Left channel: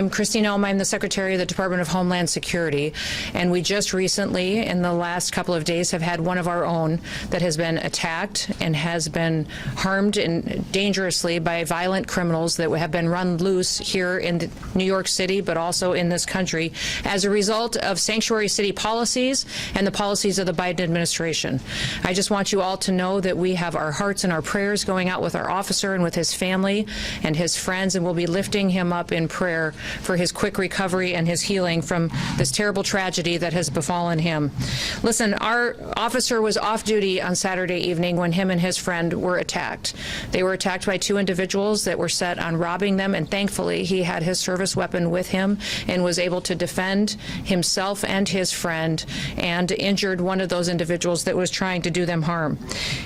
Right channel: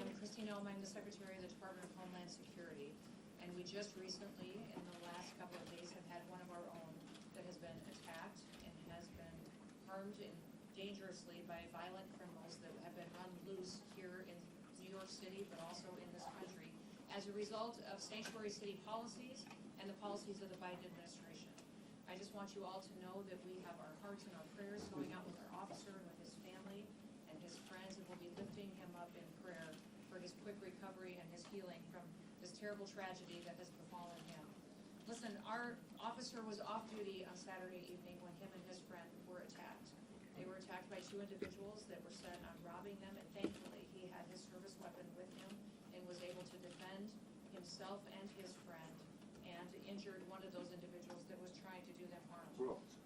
I'm Kristi Noem. I'm the Secretary of the Department of Homeland Security, and we just recently, in the last couple of days, have had one of our own that has been attacked and has been harmed dangerously by violent criminals that have been run loose here in New York City, but also in this country, as a result of sanctuary city policies and the policies of the Biden administration. I just want you all to know that we have our hearts and our prayers going out with our officer and with his family and his friends, and we'll be lifting him up in prayer for his quick recovery and his healing from this terrible tragedy that has befallen him. Listen, our officer was off duty on Saturday evening when him and his friend were attacked. They were attacked by two individuals that were set on robbing them, and thankfully he had his service weapon with him and was able to defend himself and his friend, and injured one of those individuals that was trying to do them harm.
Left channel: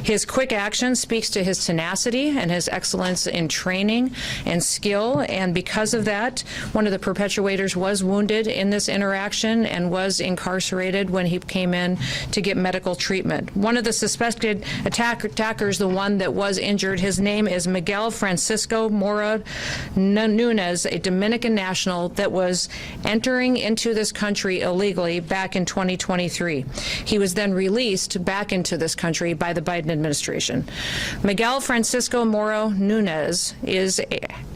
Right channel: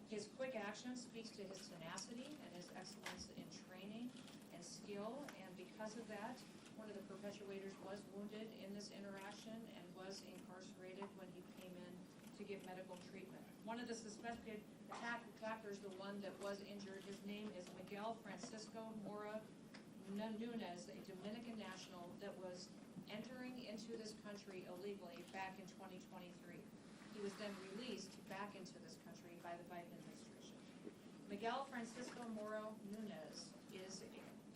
His quick action speaks to his tenacity and his excellence in training and skill, and because of that, one of the perpetuators was wounded in this interaction and was incarcerated when he came in to get medical treatment. One of the suspected attackers, the one that was injured, his name is Miguel Francisco Mora Nunez, a Dominican national that was entering into this country illegally back in 2023. He was then released back into this country by the Biden administration. Miguel Francisco Mora Nunez is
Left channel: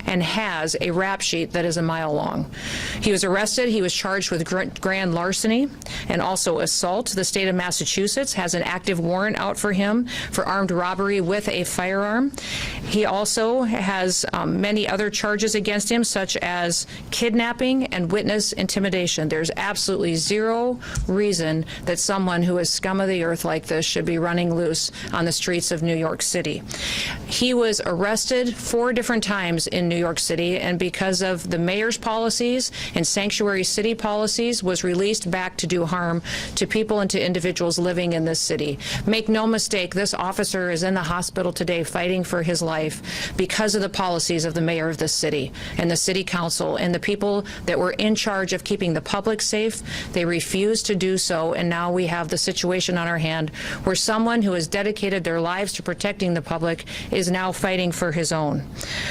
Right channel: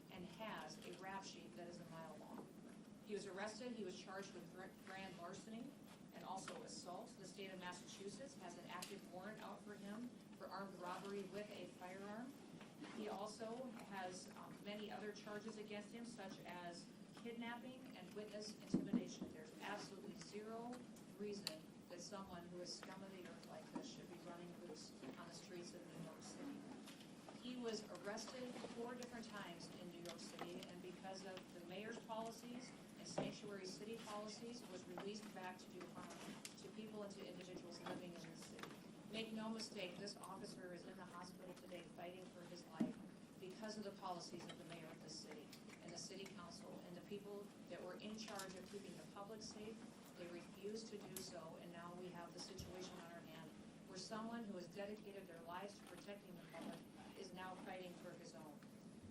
and has a rap sheet that is a mile long. He was arrested. He was charged with grand larceny and also assault. The state of Massachusetts has an active warrant out for him for armed robbery with a firearm. He also has many other charges against him, such as kidnapping and witness intimidation. There's absolutely zero reason that someone who is scum of the earth like this should be running loose on the streets of New York City. He was arrested 4 different times in New York City, and because of the mayor's policies and sanctuary city policies, was released back to do harm to people and to individuals living in this city. Make no mistake, this officer is in the hospital today fighting for his life because of the policies of the mayor of this city and the city council and the people that were in charge of keeping the public safe. They refused to do so, and now we have the situation on our hand where someone who has dedicated their lives to protecting the public is now fighting for his own.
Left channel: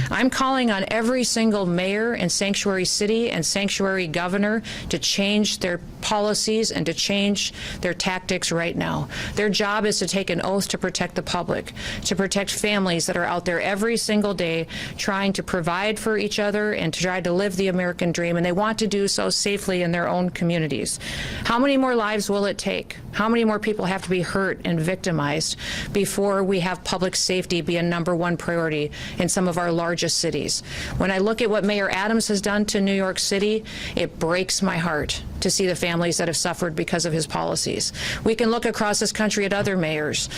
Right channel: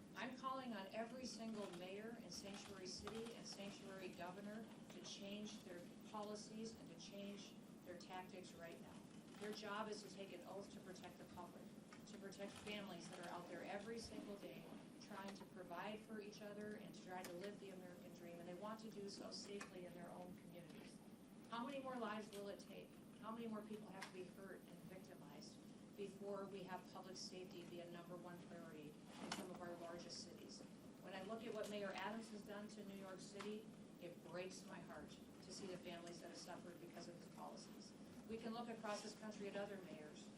I'm calling on every single mayor and sanctuary city and sanctuary governor to change their policies and to change their tactics right now. Their job is to take an oath to protect the public, to protect families that are out there every single day trying to provide for each other and to try to live the American dream, and they want to do so safely in their own communities. How many more lives will it take? How many more people have to be hurt and victimized before we have public safety be a #1 priority in some of our largest cities? When I look at what Mayor Adams has done to New York City, it breaks my heart to see the families that have suffered because of his policies. We can look across this country at other mayors.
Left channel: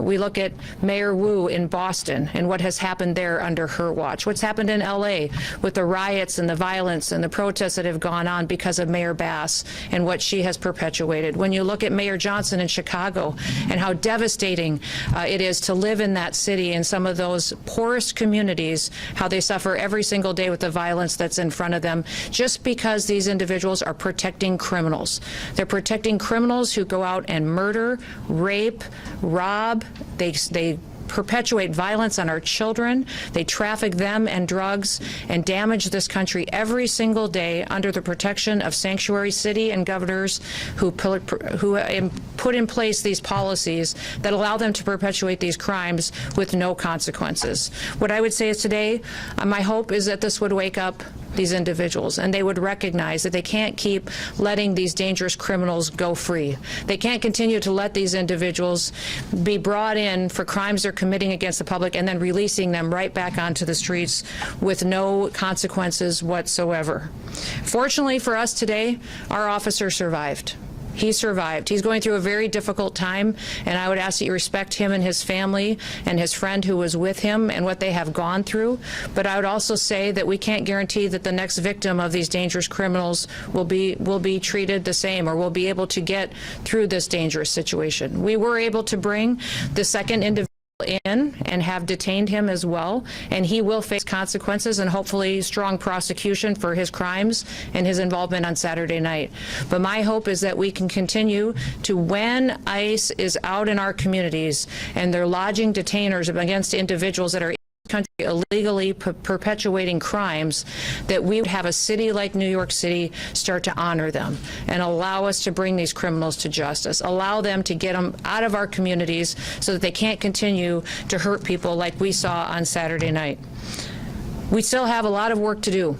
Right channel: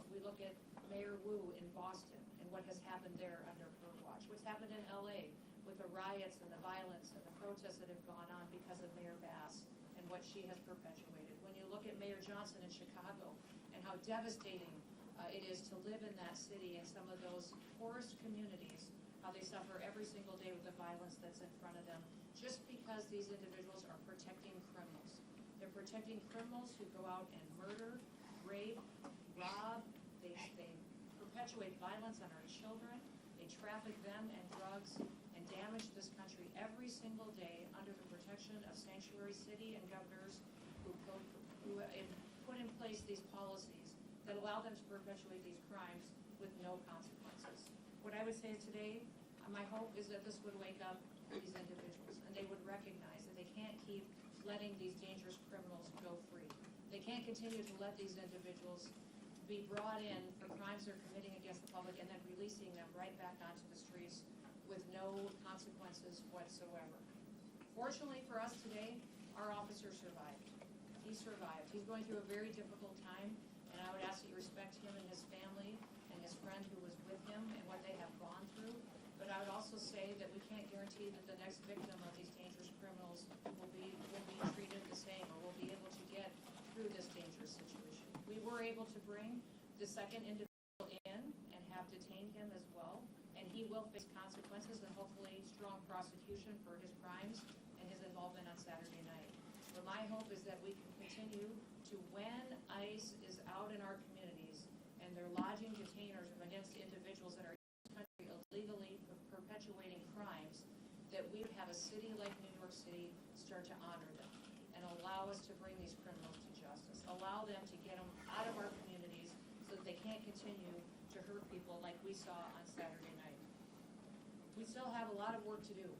We look at Mayor Wu in Boston and what has happened there under her watch. What's happened in LA with the riots and the violence and the protests that have gone on because of Mayor Bass and what she has perpetuated. When you look at Mayor Johnson in Chicago and how devastating it is to live in that city, in some of those poorest communities, how they suffer every single day with the violence that's in front of them, just because these individuals are protecting criminals. They're protecting criminals who go out and murder, rape, rob. They perpetuate violence on our children. They traffic them and drugs and damage this country every single day under the protection of sanctuary city and governors who put in place these policies that allow them to perpetuate these crimes with no consequences. What I would say is today, my hope is that this would wake up these individuals, and they would recognize that they can't keep letting these dangerous criminals go free. They can't continue to let these individuals be brought in for crimes they're committing against the public and then releasing them right back onto the streets with no consequences whatsoever. Fortunately for us today, our officer survived. He survived. He's going through a very difficult time, and I would ask that you respect him and his family and his friend who was with him and what they have gone through. But I would also say that we can't guarantee that the next victim of these dangerous criminals will be treated the same or will be able to get through this dangerous situation. We were able to bring the second individual in and have detained him as well, and he will face consequences and hopefully strong prosecution for his crimes and his involvement on Saturday night. But my hope is that we can continue to, when ICE is out in our communities and they're lodging detainers against individuals that are country illegally perpetuating crimes, that we would have a city like New York City start to honor them and allow us to bring these criminals to justice, allow them to get them out of our communities so that they can't continue to hurt people like we saw on Saturday night. We still have a lot of work to do.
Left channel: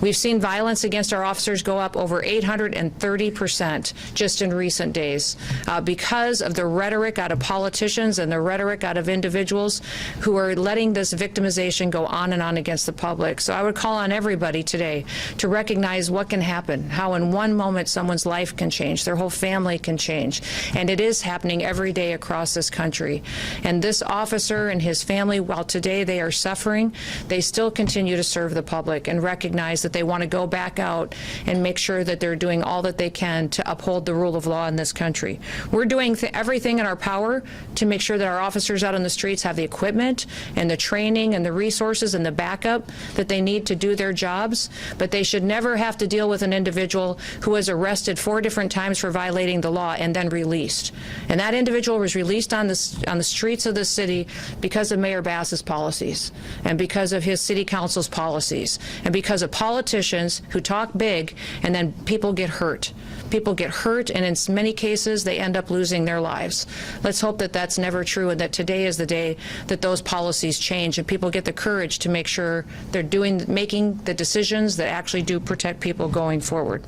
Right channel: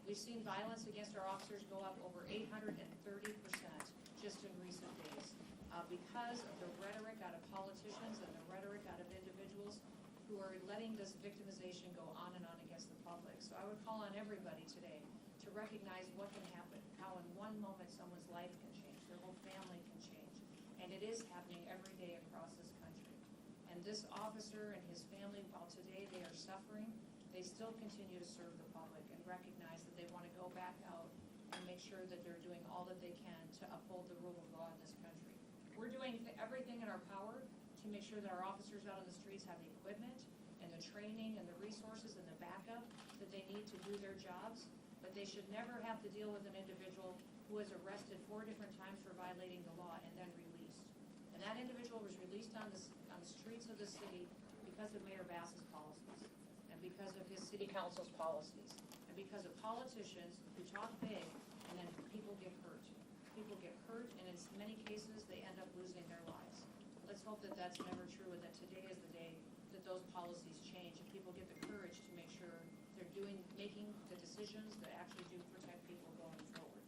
We've seen violence against our officers go up over 830% just in recent days because of the rhetoric out of politicians and the rhetoric out of individuals who are letting this victimization go on and on against the public. So I would call on everybody today to recognize what can happen, how in one moment someone's life can change, their whole family can change, and it is happening every day across this country. And this officer and his family, while today they are suffering, they still continue to serve the public and recognize that they want to go back out and make sure that they're doing all that they can to uphold the rule of law in this country. We're doing everything in our power to make sure that our officers out on the streets have the equipment and the training and the resources and the backup that they need to do their jobs, but they should never have to deal with an individual who was arrested 4 different times for violating the law and then released. And that individual was released on the streets of the city because of Mayor Bass's policies and because of his city council's policies and because of politicians who talk big and then people get hurt. People get hurt, and in many cases they end up losing their lives. Let's hope that that's never true and that today is the day that those policies change and people get the courage to make sure they're making the decisions that actually do protect people going forward.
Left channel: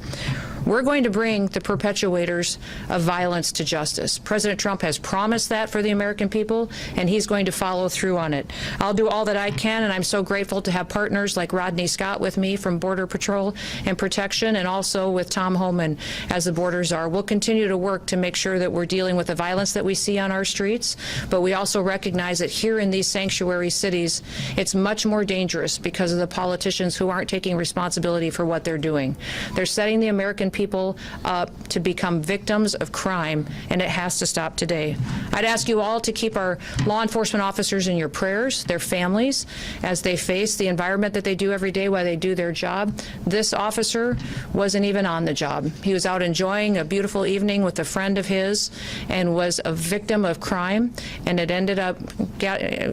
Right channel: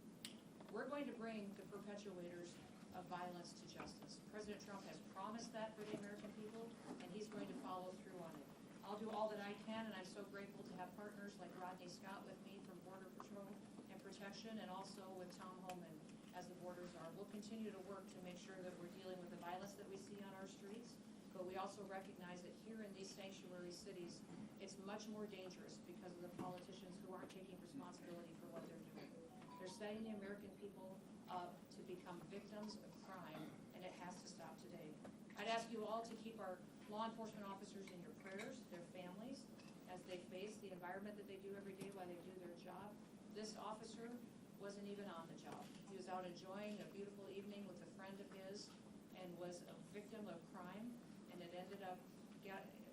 We're going to bring the perpetuators of violence to justice. President Trump has promised that for the American people, and he's going to follow through on it. I'll do all that I can, and I'm so grateful to have partners like Rodney Scott with me from Border Patrol and Protection, and also with Tom Homan as the border czar. We'll continue to work to make sure that we're dealing with the violence that we see on our streets, but we also recognize that here in these sanctuary cities, it's much more dangerous because of the politicians who aren't taking responsibility for what they're doing. They're setting the American people up to become victims of crime, and it has to stop today. I'd ask you all to keep our law enforcement officers in your prayers, their families, as they face the environment that they do every day while they do their job. This officer wasn't even on the job. He was out enjoying a beautiful evening with a friend of his and was a victim of crime, and it ended up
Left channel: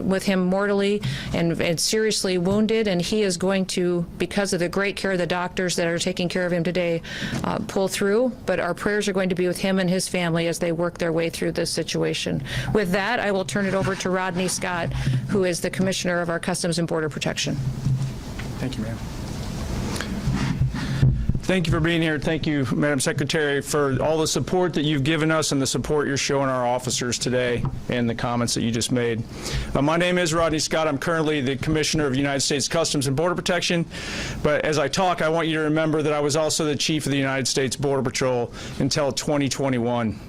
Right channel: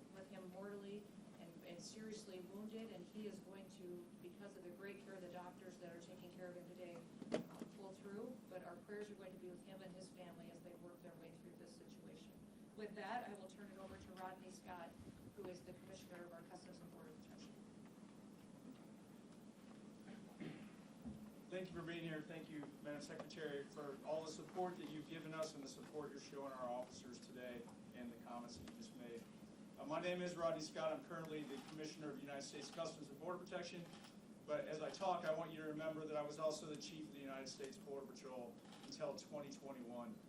with him mortally and seriously wounded, and he is going to, because of the great care of the doctors that are taking care of him today, pull through, but our prayers are going to be with him and his family as they work their way through this situation. With that, I will turn it over to Rodney Scott, who is the Commissioner of our Customs and Border Protection. Thank you, ma'am. Thank you for being here. Thank you, Madam Secretary, for all the support that you've given us and the support you're showing our officers today and the comments that you just made. My name is Rodney Scott. I'm currently the Commissioner of United States Customs and Border Protection. But as I talk, I want you to remember that I was also the Chief of the United States Border Patrol until 2021.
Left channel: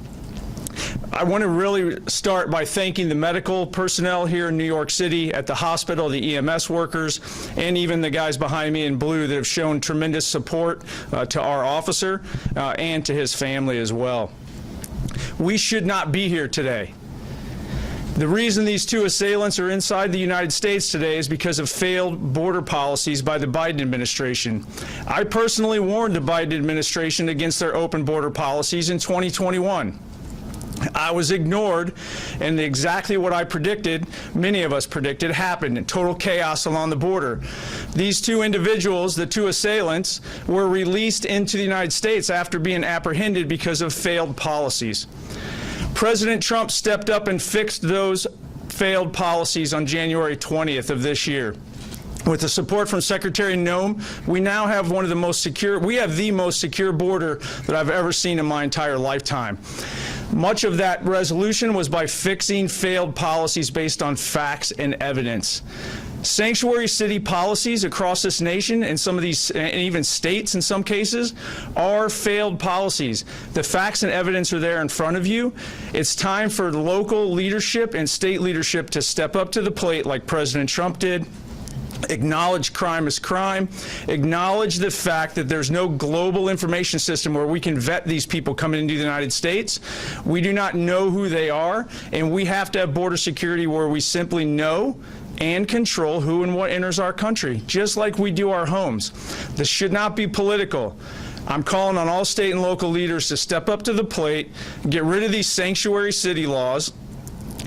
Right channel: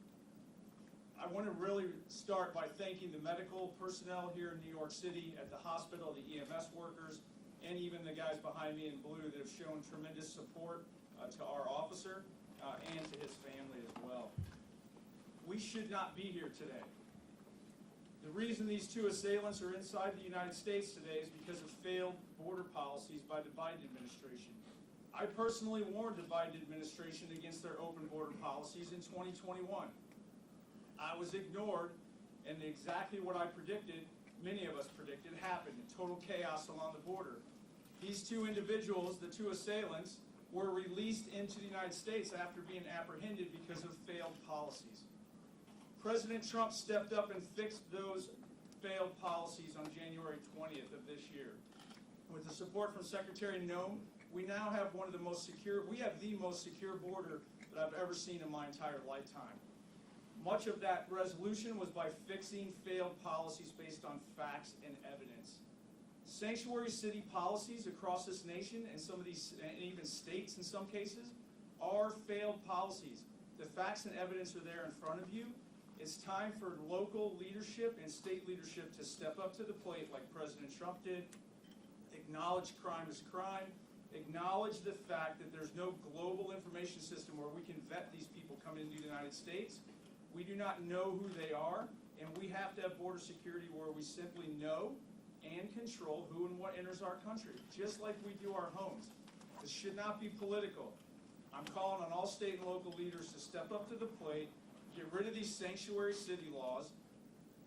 I want to really start by thanking the medical personnel here in New York City at the hospital, the EMS workers, and even the guys behind me in blue that have shown tremendous support to our officer and to his family as well. We should not be here today. The reason these 2 assailants are inside the United States today is because of failed border policies by the Biden administration. I personally warned the Biden administration against their open border policies in 2021. I was ignored, and exactly what I predicted, many of us predicted, happened. Total chaos along the border. These 2 individuals, the 2 assailants, were released into the United States after being apprehended because of failed policies. President Trump stepped up and fixed those failed policies on January 20th of this year. With the support from Secretary Noem, we now have the most secure border that I've ever seen in my entire lifetime. Much of that resolution was by fixing failed policies based on facts and evidence. Sanctuary city policies across this nation, and some of these, and even states in some cases, are failed policies. The facts and evidence are there in front of you. It's time for local leadership and state leadership to step up to the plate like President Trump did. Acknowledge crime is crime. Acknowledge the fact that there's no global information system where we can vet these people coming into the United States. We do not know who they are, and we have to have border security where we simply know and control who and what enters our country, just like we do our homes. This should not be political. I'm calling on all state and local leaders to step up to the plate, get rid of these sanctuary city laws,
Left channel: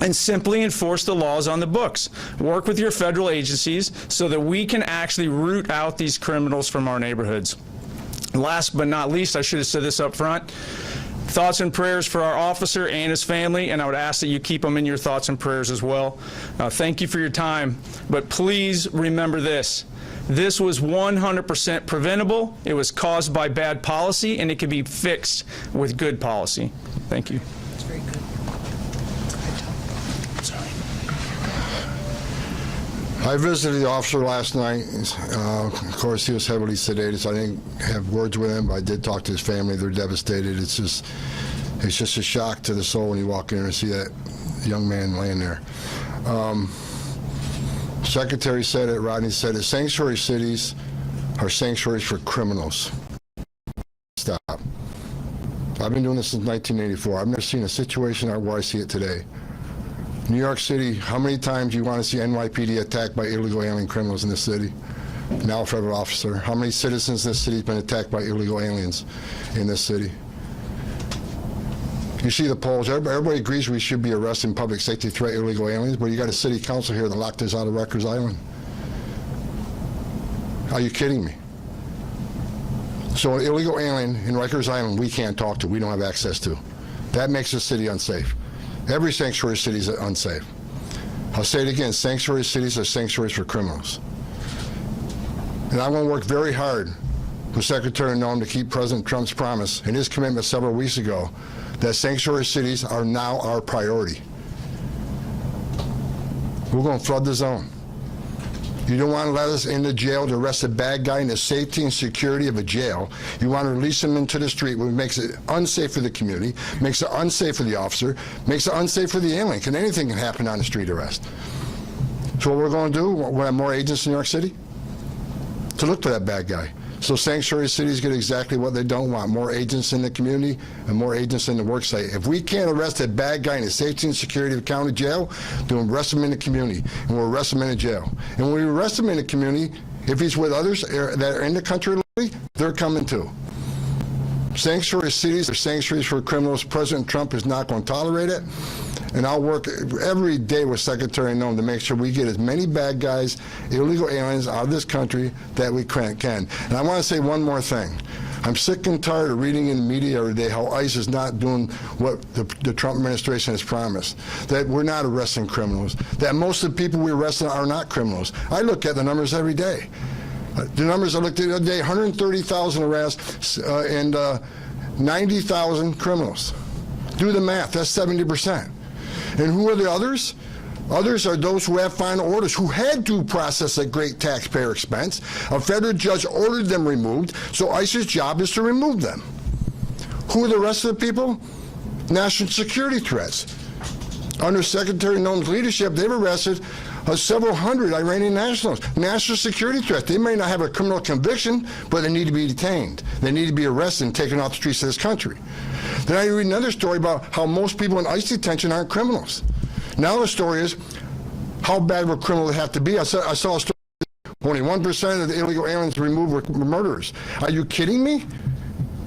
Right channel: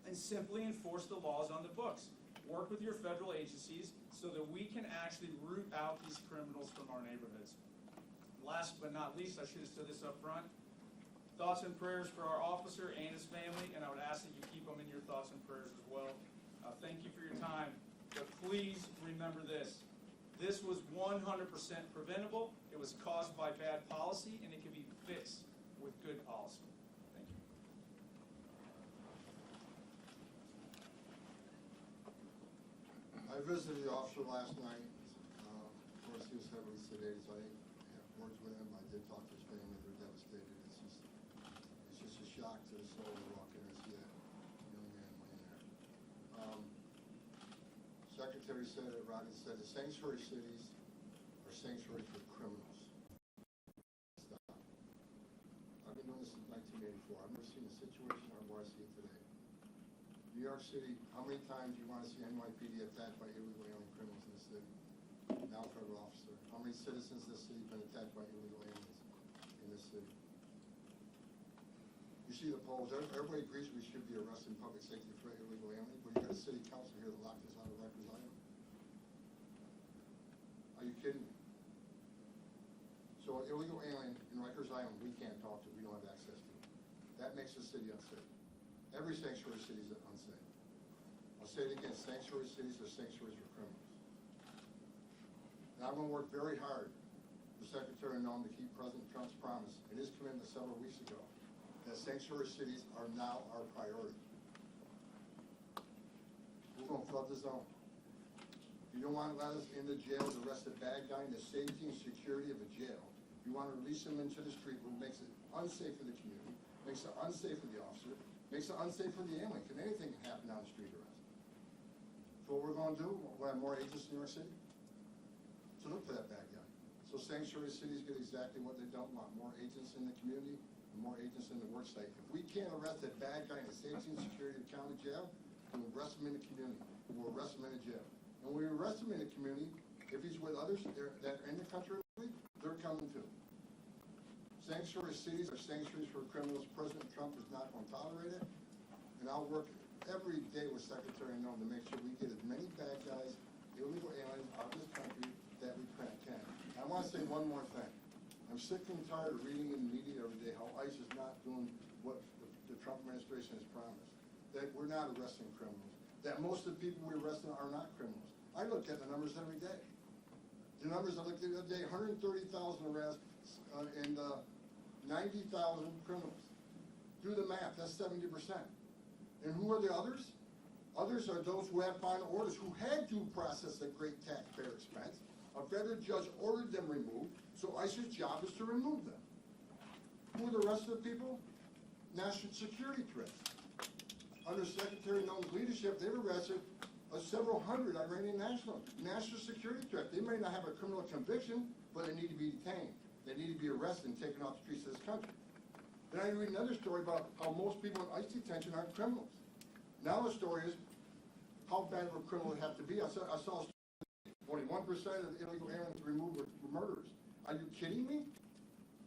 and simply enforce the laws on the books. Work with your federal agencies so that we can actually root out these criminals from our neighborhoods. Last but not least, I should have said this up front, thoughts and prayers for our officer and his family, and I would ask that you keep them in your thoughts and prayers as well. Thank you for your time, but please remember this. This was 100% preventable. It was caused by bad policy, and it can be fixed with good policy. Thank you. That's very good. I visited the officer last night. Of course, he was heavily sedated, so I didn't have words with him, but I did talk to his family. They're devastated. It's just a shock to the soul when you walk in and see that young man laying there. Secretary said it, Rodney said it, sanctuary cities are sanctuaries for criminals. Stop. I've been doing this since 1984. I've never seen a situation where I see it today. New York City, how many times do you want to see NYPD attacked by illegal alien criminals in this city? Now a federal officer. How many citizens in this city have been attacked by illegal aliens in this city? You see the polls. Everybody agrees we should be arresting public safety threat illegal aliens, but you got a city council here that locked us out of Rikers Island. Are you kidding me? So an illegal alien in Rikers Island we can't talk to, we don't have access to. That makes the city unsafe. Every sanctuary city is unsafe. I'll say it again, sanctuary cities are sanctuaries for criminals. And I'm going to work very hard with Secretary Noem to keep President Trump's promise and his commitment several weeks ago that sanctuary cities are now our priority. We're going to flood the zone. You don't want to let us into jail to arrest a bad guy in the safety and security of a jail. You want to release him into the street, which makes it unsafe for the community, makes it unsafe for the officer, makes it unsafe for the alien. Anything can happen on a street arrest. So what we're going to do, we'll have more agents in New York City to look for that bad guy. So sanctuary cities get exactly what they don't want, more agents in the community and more agents in the work site. If we can't arrest a bad guy in the safety and security of the county jail, then we'll arrest him in the community, and we'll arrest him in the jail. And when we arrest him in the community, if he's with others that are in the country, they're coming too. Sanctuary cities are sanctuaries for criminals. President Trump is not going to tolerate it. And I'll work every day with Secretary Noem to make sure we get as many bad guys, illegal aliens out of this country that we can. And I want to say one more thing. I'm sick and tired of reading in the media every day how ICE is not doing what the Trump administration has promised, that we're not arresting criminals, that most of the people we arrest are not criminals. I look at the numbers every day. The numbers I looked at the other day, 130,000 arrests and 90,000 criminals. Do the math, that's 70%. And who are the others? Others are those who have final orders, who had due process at great taxpayer expense. A federal judge ordered them removed, so ICE's job is to remove them. Who are the rest of the people? National security threats. Under Secretary Noem's leadership, they've arrested several hundred Iranian nationals. National security threats. They may not have a criminal conviction, but they need to be detained. They need to be arrested and taken off the streets of this country. Then I read another story about how most people in ICE detention aren't criminals. Now the story is, how bad would criminals have to be? I saw a story, only 1% of the illegal aliens removed were murderers. Are you kidding me?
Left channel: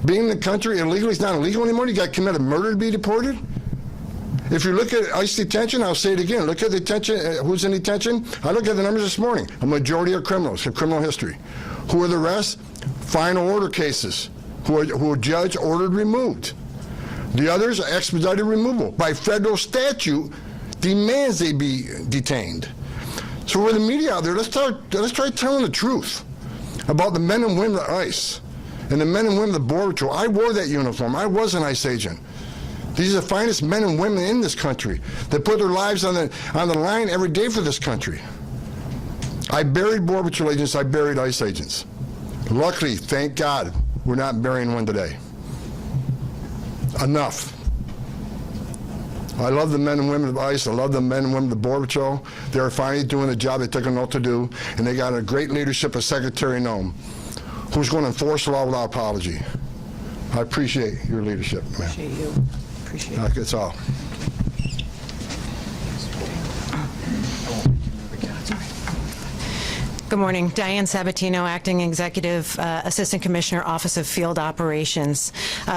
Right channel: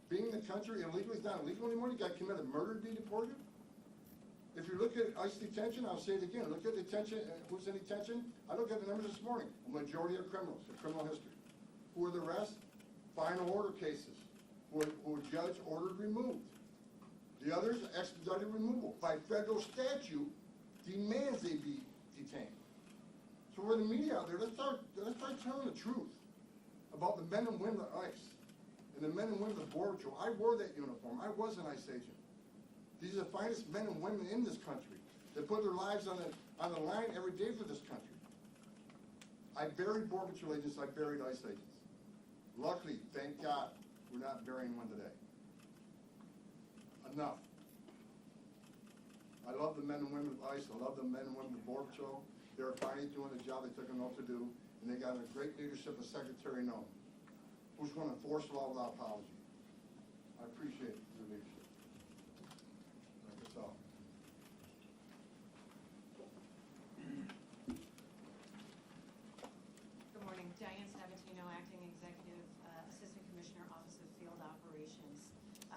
Being in the country illegally is not illegal anymore? You got to commit a murder to be deported? If you look at ICE detention, I'll say it again, look at detention, who's in detention? I looked at the numbers this morning. A majority are criminals, have criminal history. Who are the rest? Final order cases, who a judge ordered removed. The others are expedited removal. By federal statute, demands they be detained. So for the media out there, let's try telling the truth about the men and women of ICE and the men and women of the Border Patrol. I wore that uniform. I was an ICE agent. These are the finest men and women in this country that put their lives on the line every day for this country. I buried Border Patrol agents. I buried ICE agents. Luckily, thank God, we're not burying one today. Enough. I love the men and women of ICE. I love the men and women of the Border Patrol. They're finally doing the job they took an oath to do, and they got a great leadership of Secretary Noem, who's going to enforce the law without apology. I appreciate your leadership, man. Appreciate you. Appreciate it. That's all. Good morning. Diane Sabatino, Acting Executive Assistant Commissioner, Office of Field Operations.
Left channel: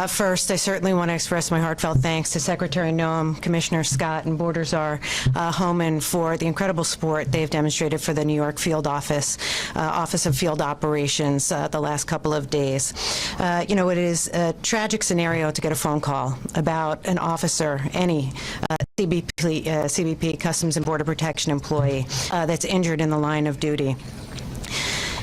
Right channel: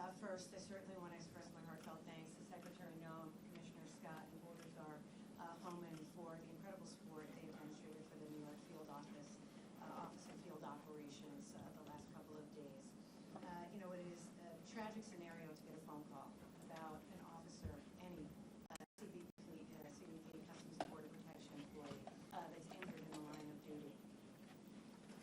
First, I certainly want to express my heartfelt thanks to Secretary Noem, Commissioner Scott, and Border Czar Homan for the incredible support they've demonstrated for the New York Field Office of Field Operations the last couple of days. You know, it is a tragic scenario to get a phone call about an officer, any CBP, Customs and Border Protection employee, that's injured in the line of duty.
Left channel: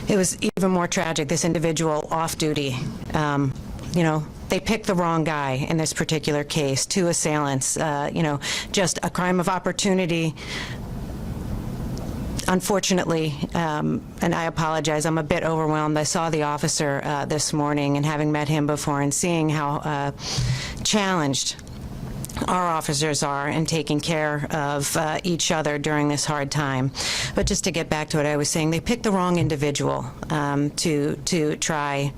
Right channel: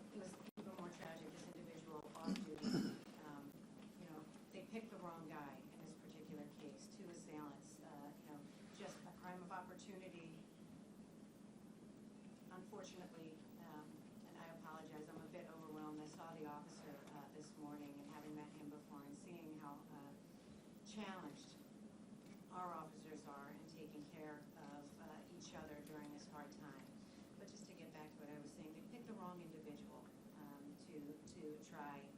It was even more tragic, this individual off duty. You know, they picked the wrong guy in this particular case, two assailants, you know, just a crime of opportunity. Unfortunately, and I apologize, I'm a bit overwhelmed. I saw the officer this morning, and having met him before and seeing how challenged our officers are in taking care of each other during this hard time. But just to get back to what I was saying, they picked the wrong individual to try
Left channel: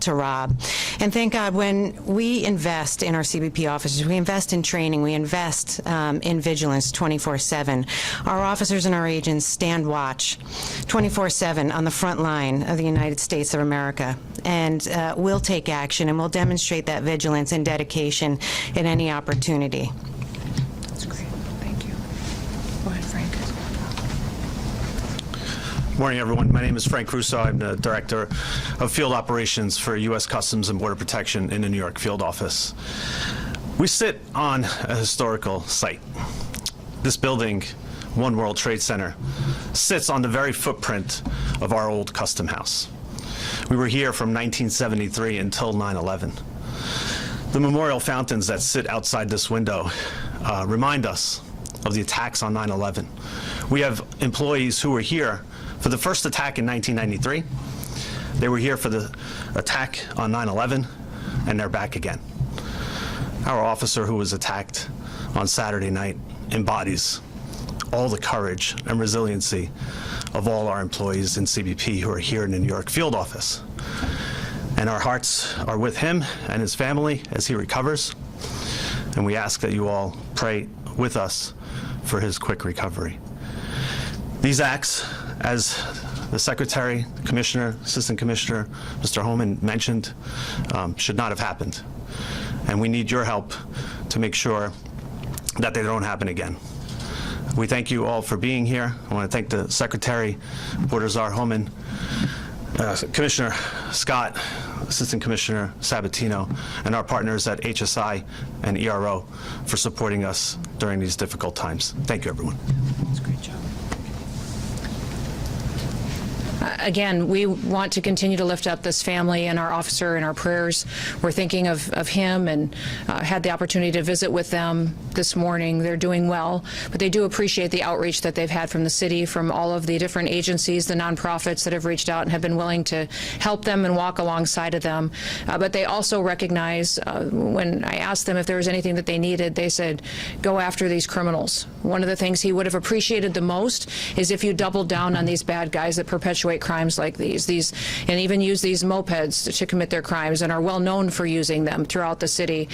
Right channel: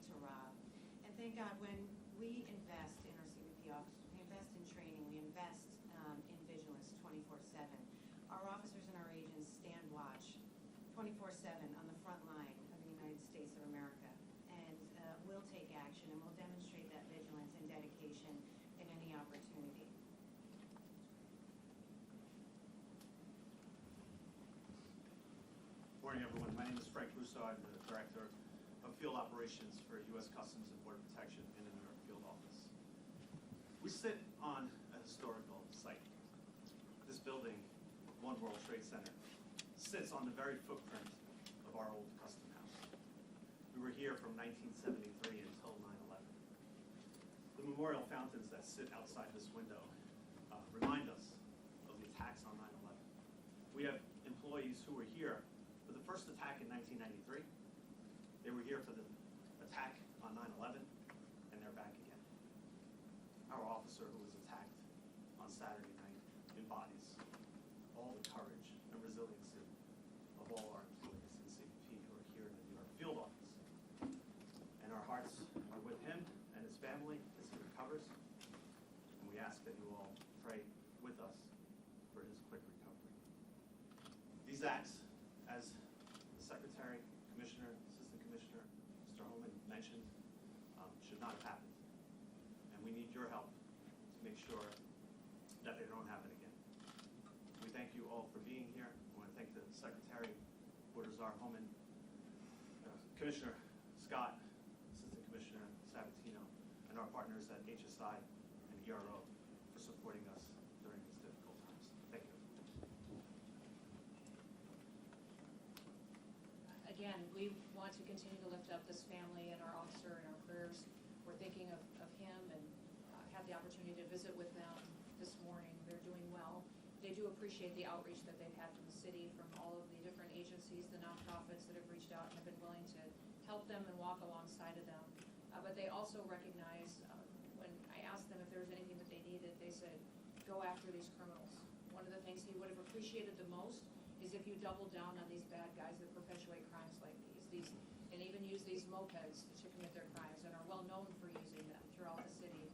to rob. And thank God, when we invest in our CBP officers, we invest in training, we invest in vigilance 24/7. Our officers and our agents stand watch 24/7 on the front line of the United States of America, and we'll take action, and we'll demonstrate that vigilance and dedication in any opportunity. That's great. Thank you. Go ahead, Frank. Morning, everyone. My name is Frank Russo. I'm the Director of Field Operations for U.S. Customs and Border Protection in the New York Field Office. We sit on a historical site. This building, One World Trade Center, sits on the very footprint of our old custom house. We were here from 1973 until 9/11. The memorial fountains that sit outside this window remind us of the attacks on 9/11. We have employees who were here for the first attack in 1993. They were here for the attack on 9/11, and they're back again. Our officer who was attacked on Saturday night embodies all the courage and resiliency of all our employees in CBP who are here in the New York Field Office. And our hearts are with him and his family as he recovers. And we ask that you all pray with us for his quick recovery. These acts, as the Secretary, Commissioner, Assistant Commissioner, Mr. Homan mentioned, should not have happened. And we need your help to make sure that they don't happen again. We thank you all for being here. I want to thank the Secretary, Border Czar Homan, Commissioner Scott, Assistant Commissioner Sabatino, and our partners at HSI and ERO for supporting us during these difficult times. Thank you, everyone. That's a great job. Again, we want to continue to lift up this family and our officer in our prayers. We're thinking of him, and had the opportunity to visit with them this morning. They're doing well, but they do appreciate the outreach that they've had from the city, from all of the different agencies, the nonprofits that have reached out and have been willing to help them and walk alongside of them. But they also recognize, when I asked them if there was anything that they needed, they said, go after these criminals. One of the things he would have appreciated the most is if you doubled down on these bad guys that perpetuate crimes like these, and even use these mopeds to commit their crimes, and are well known for using them throughout the city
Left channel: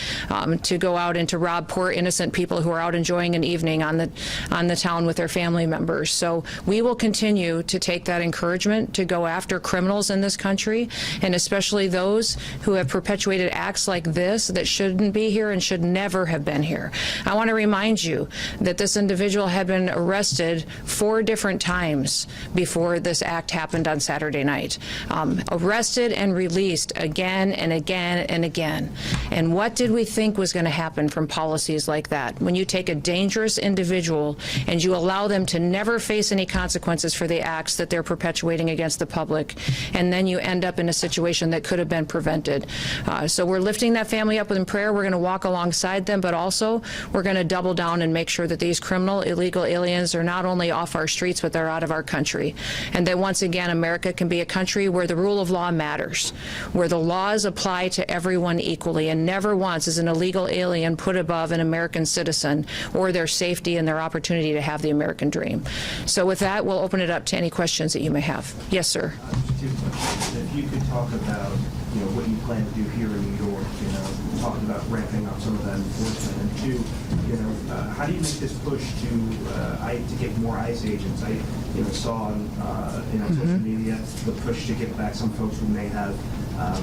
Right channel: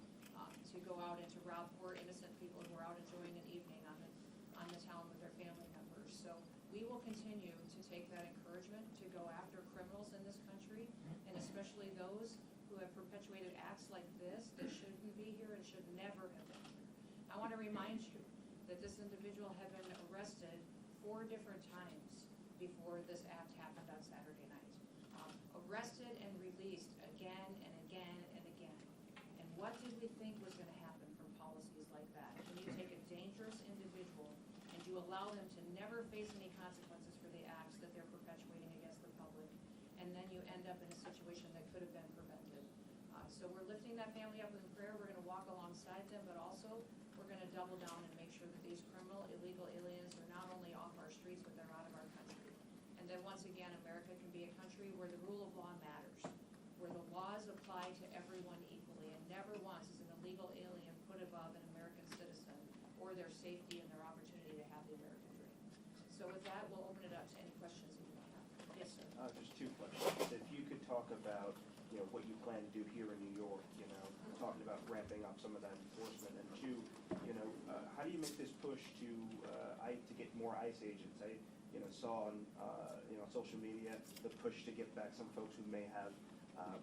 to go out and to rob poor innocent people who are out enjoying an evening on the town with their family members. So we will continue to take that encouragement to go after criminals in this country, and especially those who have perpetuated acts like this that shouldn't be here and should never have been here. I want to remind you that this individual had been arrested 4 different times before this act happened on Saturday night. Arrested and released again and again and again. And what did we think was going to happen from policies like that? When you take a dangerous individual and you allow them to never face any consequences for the acts that they're perpetuating against the public, and then you end up in a situation that could have been prevented. So we're lifting that family up in prayer. We're going to walk alongside them, but also we're going to double down and make sure that these criminal, illegal aliens are not only off our streets, but they're out of our country. And that once again, America can be a country where the rule of law matters, where the laws apply to everyone equally, and never once is an illegal alien put above an American citizen or their safety and their opportunity to have the American dream. So with that, we'll open it up to any questions that you may have. Yes, sir. 2 questions. If you could talk about, what you plan to do here in New York? Talking about ramping up some of that enforcement. And two, how do you make this push to get more ICE agents? I saw on social media the push to get back some folks who may have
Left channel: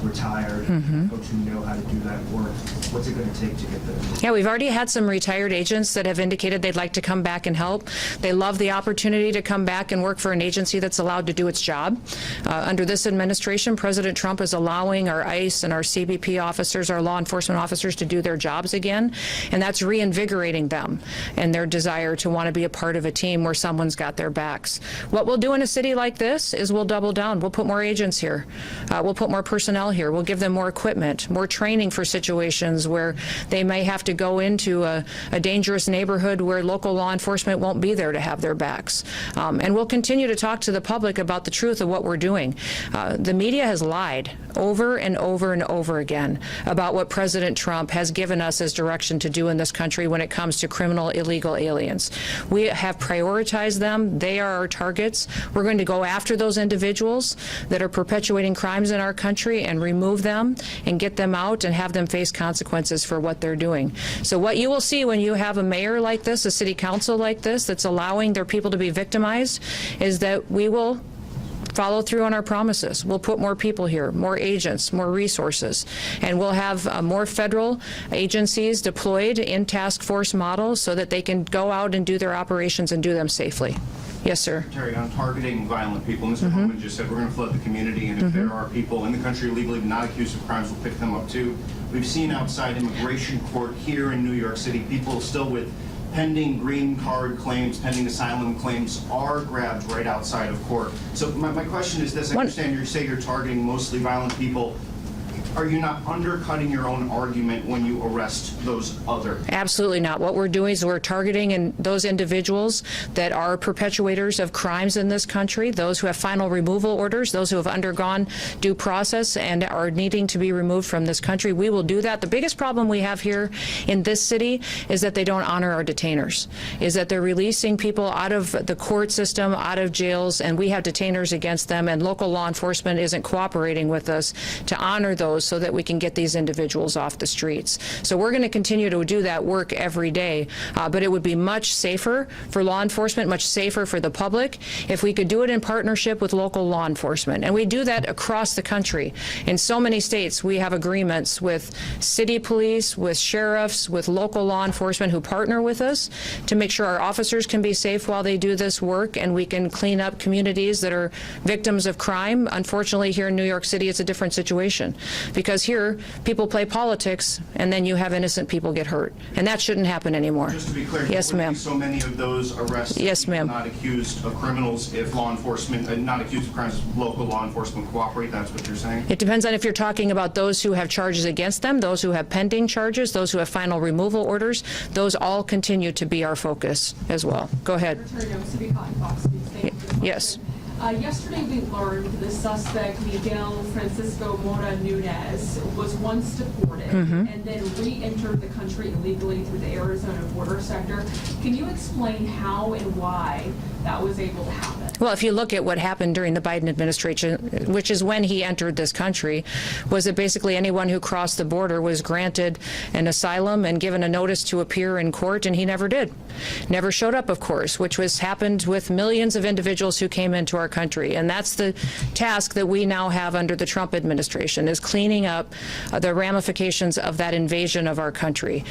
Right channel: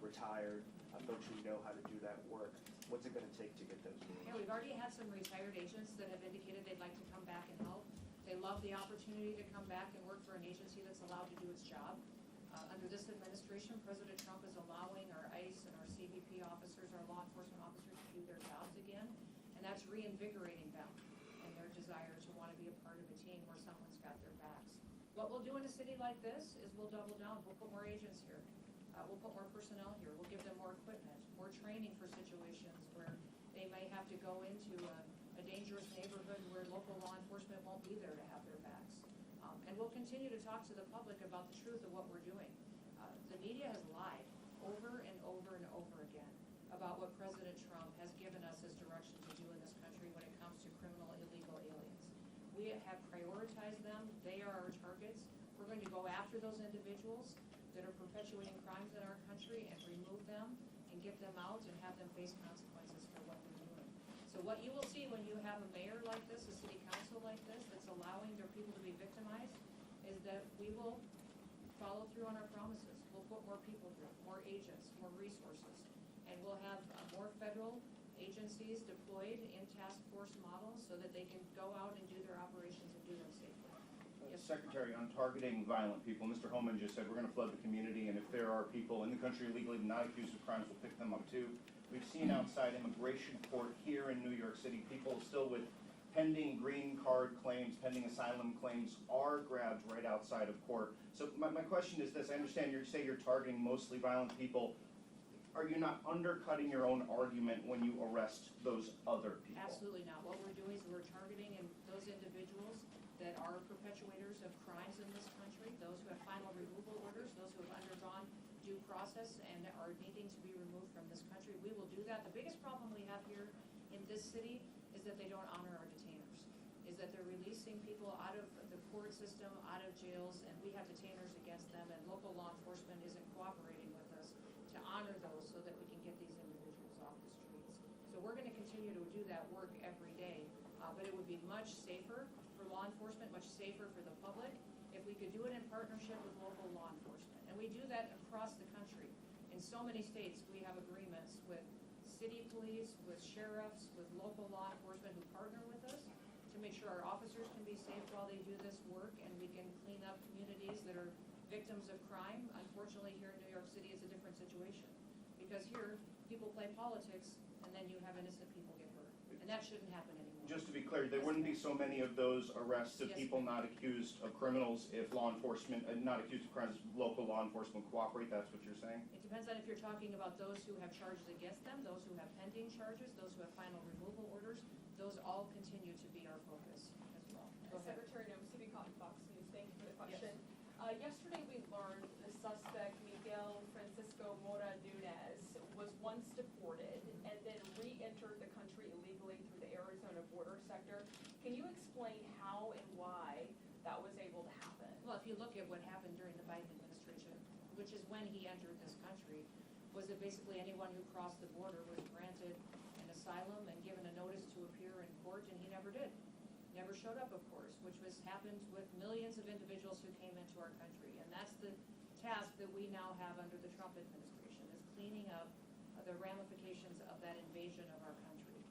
retired, folks who know how to do that work. What's it going to take to get them? Yeah, we've already had some retired agents that have indicated they'd like to come back and help. They love the opportunity to come back and work for an agency that's allowed to do its job. Under this administration, President Trump is allowing our ICE and our CBP officers, our law enforcement officers, to do their jobs again, and that's reinvigorating them and their desire to want to be a part of a team where someone's got their backs. What we'll do in a city like this is we'll double down. We'll put more agents here. We'll put more personnel here. We'll give them more equipment, more training for situations where they may have to go into a dangerous neighborhood where local law enforcement won't be there to have their backs. And we'll continue to talk to the public about the truth of what we're doing. The media has lied over and over and over again about what President Trump has given us as direction to do in this country when it comes to criminal illegal aliens. We have prioritized them. They are our targets. We're going to go after those individuals that are perpetuating crimes in our country and remove them and get them out and have them face consequences for what they're doing. So what you will see when you have a mayor like this, a city council like this, that's allowing their people to be victimized, is that we will follow through on our promises. We'll put more people here, more agents, more resources, and we'll have more federal agencies deployed in task force models so that they can go out and do their operations and do them safely. Yes, sir. Secretary, on targeting violent people, Mr. Homan just said we're going to flood the community, and if there are people in the country legally not accused of crimes, we'll pick them up too. We've seen outside immigration court here in New York City, people still with pending green card claims, pending asylum claims are grabbed right outside of court. So my question is this: I understand you say you're targeting mostly violent people. Are you not undercutting your own argument when you arrest those other? Absolutely not. What we're doing is we're targeting those individuals that are perpetuators of crimes in this country, those who have final removal orders, those who have undergone due process and are needing to be removed from this country. We will do that. The biggest problem we have here in this city is that they don't honor our detainers, is that they're releasing people out of the court system, out of jails, and we have detainers against them, and local law enforcement isn't cooperating with us to honor those so that we can get these individuals off the streets. So we're going to continue to do that work every day, but it would be much safer for law enforcement, much safer for the public, if we could do it in partnership with local law enforcement. And we do that across the country. In so many states, we have agreements with city police, with sheriffs, with local law enforcement who partner with us to make sure our officers can be safe while they do this work, and we can clean up communities that are victims of crime. Unfortunately, here in New York City, it's a different situation, because here people play politics and then you have innocent people get hurt, and that shouldn't happen anymore. Just to be clear, yes, ma'am. So many of those arrests, yes, ma'am, not accused of criminals, if law enforcement, not accused of crimes, local law enforcement cooperate. That's what you're saying? It depends on if you're talking about those who have charges against them, those who have pending charges, those who have final removal orders. Those all continue to be our focus as well. Go ahead. Yes. Yesterday we learned the suspect, Miguel Francisco Mora Nunez, was once deported and then re-entered the country illegally through the Arizona border sector. Can you explain how and why that was able to happen? Well, if you look at what happened during the Biden administration, which is when he entered this country, was that basically anyone who crossed the border was granted an asylum and given a notice to appear in court, and he never did. Never showed up, of course, which was happened with millions of individuals who came into our country. And that's the task that we now have under the Trump administration, is cleaning up the ramifications of that invasion of our country.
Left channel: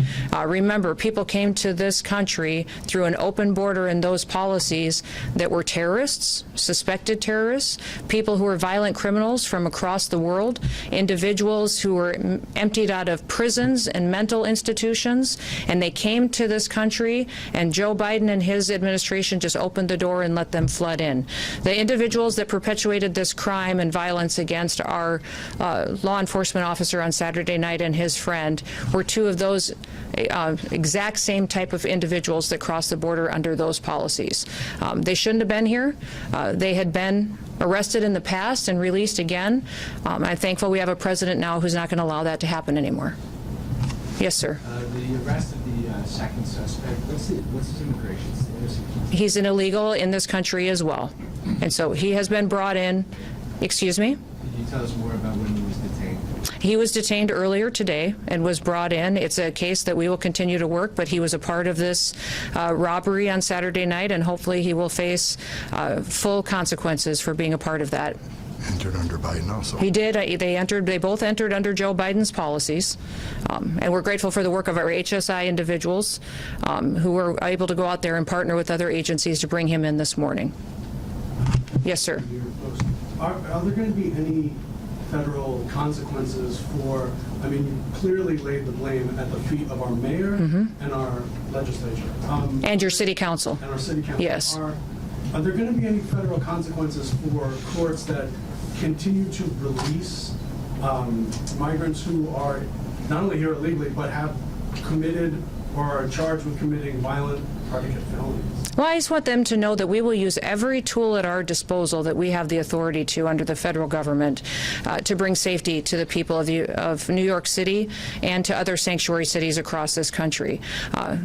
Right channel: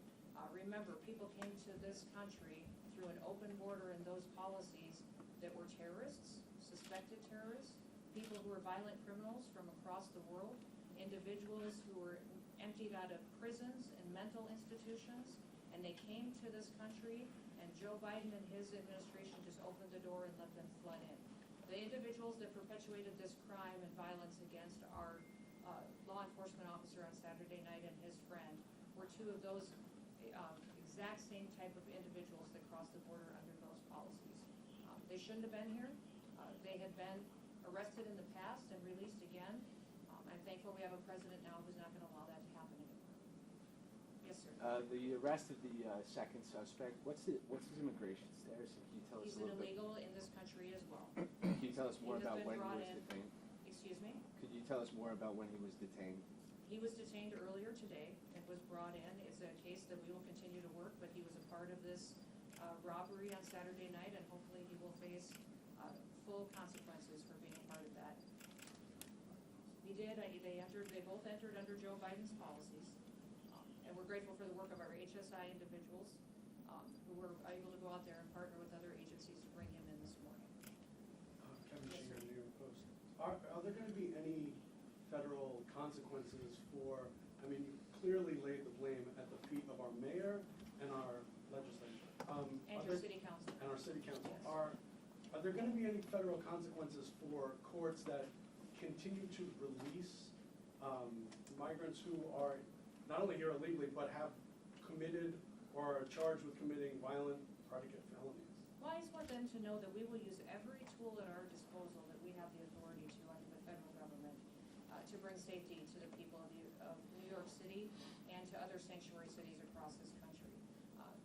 Remember, people came to this country through an open border and those policies that were terrorists, suspected terrorists, people who were violent criminals from across the world, individuals who were emptied out of prisons and mental institutions, and they came to this country, and Joe Biden and his administration just opened the door and let them flood in. The individuals that perpetuated this crime and violence against our law enforcement officer on Saturday night and his friend were two of those exact same type of individuals that crossed the border under those policies. They shouldn't have been here. They had been arrested in the past and released again. I'm thankful we have a president now who's not going to allow that to happen anymore. Yes, sir. The arrest of the second suspect, what's his immigration status? He's an illegal in this country as well. And so he has been brought in. Excuse me? Can you tell us more about when he was detained? He was detained earlier today and was brought in. It's a case that we will continue to work, but he was a part of this robbery on Saturday night, and hopefully he will face full consequences for being a part of that. Entered under Biden also. He did. They both entered under Joe Biden's policies, and we're grateful for the work of our HSI individuals who were able to go out there and partner with other agencies to bring him in this morning. Yes, sir. Are there going to be any federal consequences for, I mean, you clearly laid the blame at the feet of our mayor and our legislature. And your city council. And our city council. Yes. Are there going to be any federal consequences for courts that continue to release migrants who are not only here illegally, but have committed or are charged with committing violent predicate felonies? Well, I just want them to know that we will use every tool at our disposal that we have the authority to under the federal government to bring safety to the people of New York City and to other sanctuary cities across this country.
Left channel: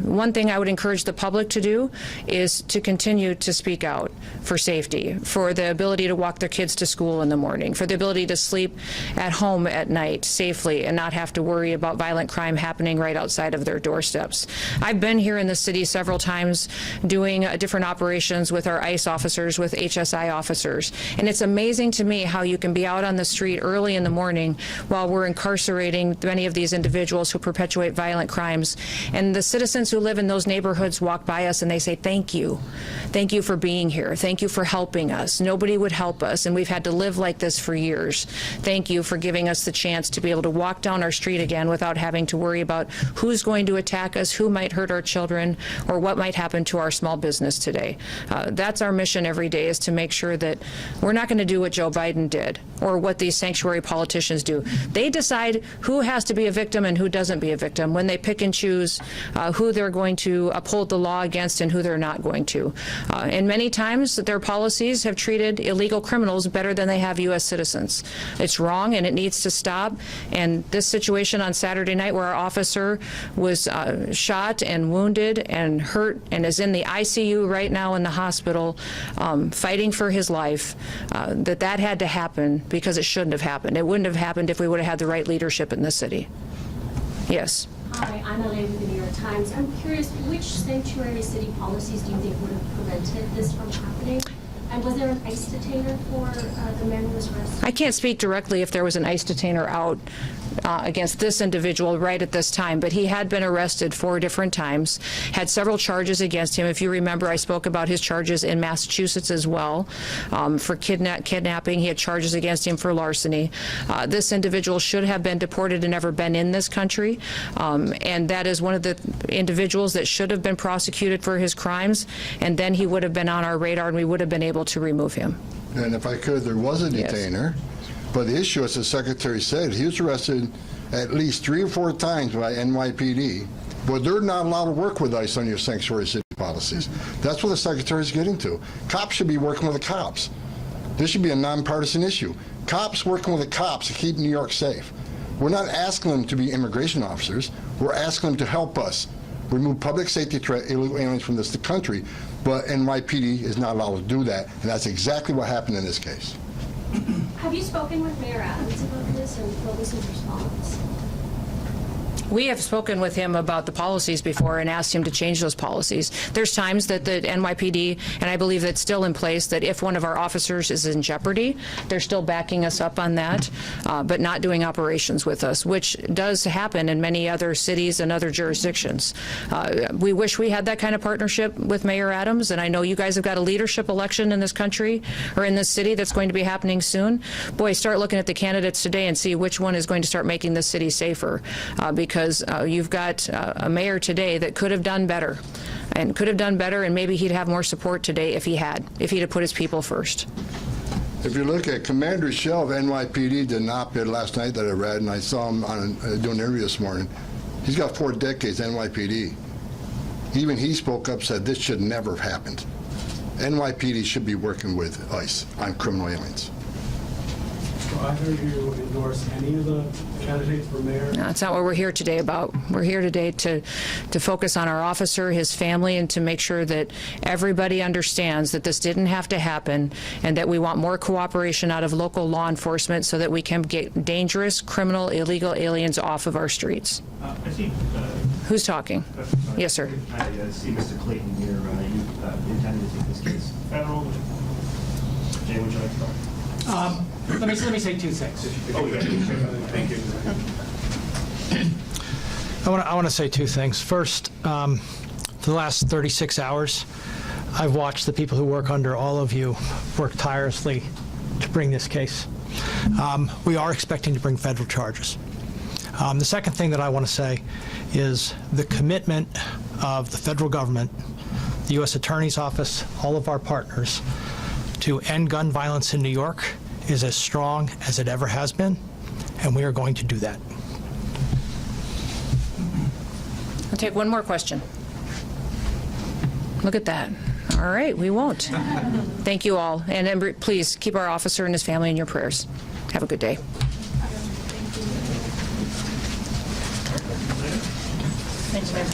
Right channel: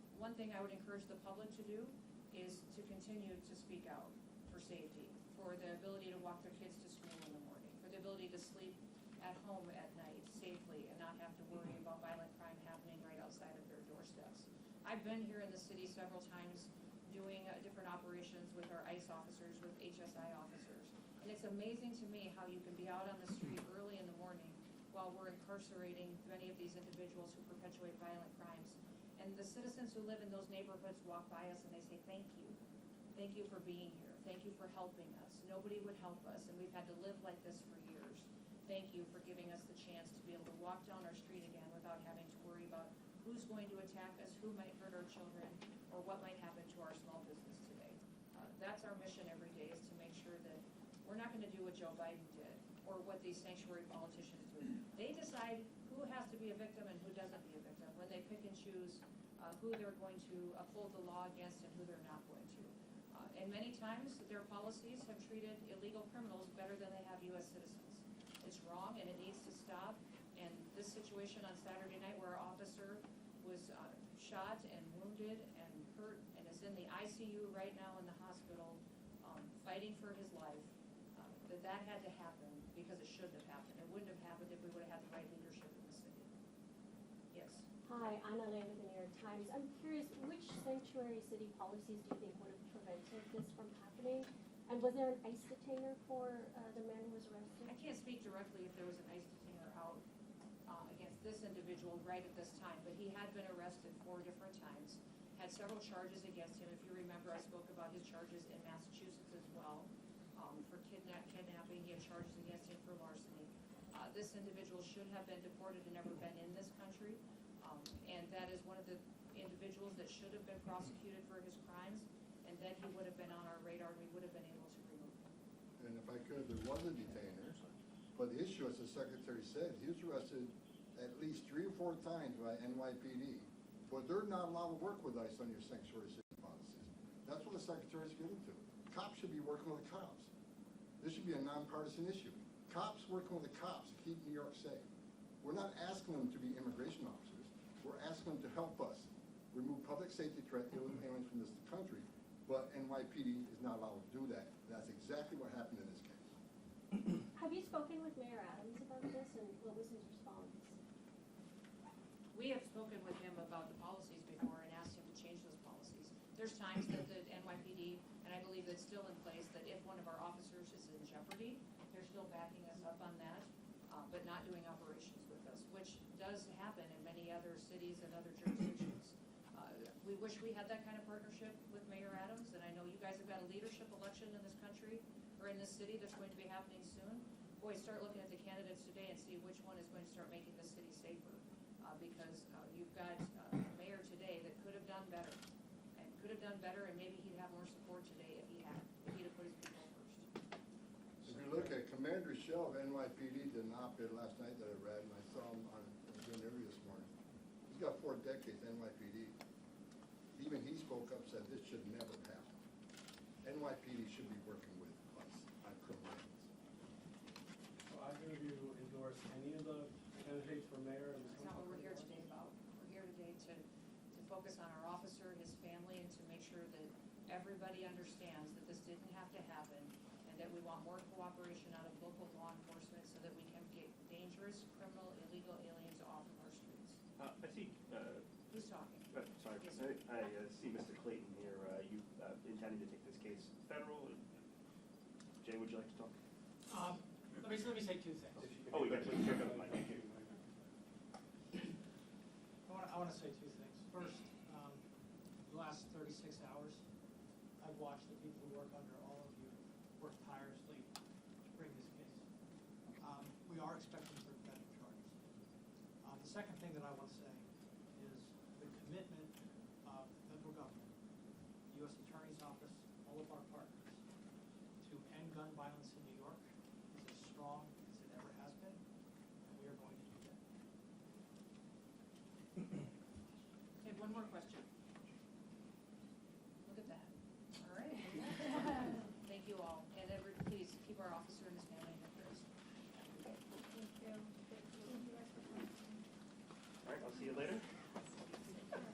One thing I would encourage the public to do is to continue to speak out for safety, for the ability to walk their kids to school in the morning, for the ability to sleep at home at night safely and not have to worry about violent crime happening right outside of their doorsteps. I've been here in the city several times doing different operations with our ICE officers, with HSI officers, and it's amazing to me how you can be out on the street early in the morning while we're incarcerating many of these individuals who perpetuate violent crimes, and the citizens who live in those neighborhoods walk by us and they say, thank you for being here, thank you for helping us. Nobody would help us, and we've had to live like this for years. Thank you for giving us the chance to be able to walk down our street again without having to worry about who's going to attack us, who might hurt our children, or what might happen to our small business today. That's our mission every day, is to make sure that we're not going to do what Joe Biden did or what these sanctuary politicians do. They decide who has to be a victim and who doesn't be a victim when they pick and choose who they're going to uphold the law against and who they're not going to. And many times their policies have treated illegal criminals better than they have U.S. citizens. It's wrong and it needs to stop. And this situation on Saturday night where our officer was shot and wounded and hurt and is in the ICU right now in the hospital fighting for his life, that had to happen because it shouldn't have happened. It wouldn't have happened if we would have had the right leadership in this city. Yes. Hi, I'm Elaine with the New York Times. I'm curious, which sanctuary city policies do you think would have prevented this from happening? And was there an ICE detainer for the man who was arrested? I can't speak directly if there was an ICE detainer out against this individual right at this time, but he had been arrested 4 different times, had several charges against him. If you remember, I spoke about his charges in Massachusetts as well for kidnapping. He had charges against him for larceny. This individual should have been deported and never been in this country, and that is one of the individuals that should have been prosecuted for his crimes, and then he would have been on our radar and we would have been able to remove him. And if I could, there was a detainer, but the issue, as the Secretary said, he was arrested at least 3 or 4 times by NYPD, but they're not allowed to work with ICE on your sanctuary city policies. That's what the Secretary's getting to. Cops should be working with the cops. This should be a nonpartisan issue. Cops working with the cops to keep New York safe. We're not asking them to be immigration officers. We're asking them to help us remove public safety threat illegal aliens from this country, but NYPD is not allowed to do that, and that's exactly what happened in this case. Have you spoken with Mayor Adams about this, and what was his response? We have spoken with him about the policies before and asked him to change those policies. There's times that the NYPD, and I believe that's still in place, that if one of our officers is in jeopardy, they're still backing us up on that, but not doing operations with us, which does happen in many other cities and other jurisdictions. We wish we had that kind of partnership with Mayor Adams, and I know you guys have got a leadership election in this country or in this city that's going to be happening soon. Boy, start looking at the candidates today and see which one is going to start making this city safer, because you've got a mayor today that could have done better, and maybe he'd have more support today if he'd have put his people first. If you look at Commander Shell of NYPD did an op-ed last night that I read, and I saw him on doing an interview this morning. He's got 4 decades NYPD. Even he spoke up, said this should never have happened. NYPD should be working with ICE on criminal aliens. either of you endorse any of the candidates for mayor? No, that's not what we're here today about. We're here today to focus on our officer, his family, and to make sure that everybody understands that this didn't have to happen and that we want more cooperation out of local law enforcement so that we can get dangerous, criminal, illegal aliens off of our streets. I see, Who's talking? Yes, sir. I see Mr. Clayton here. You intended to take this case federal. Jay, would you like to start? Let me say two things. Oh, yeah. Thank you. I want to say two things. First, for the last 36 hours, I've watched the people who work under all of you work tirelessly to bring this case. We are expecting to bring federal charges. The second thing that I want to say is the commitment of the federal government, the U.S. Attorney's Office, all of our partners, to end gun violence in New York is as strong as it ever has been, and we are going to do that. I'll take one more question. Look at that. All right, we won't. Thank you all. And please keep our officer and his family in your prayers. Have a good day. Thanks, man.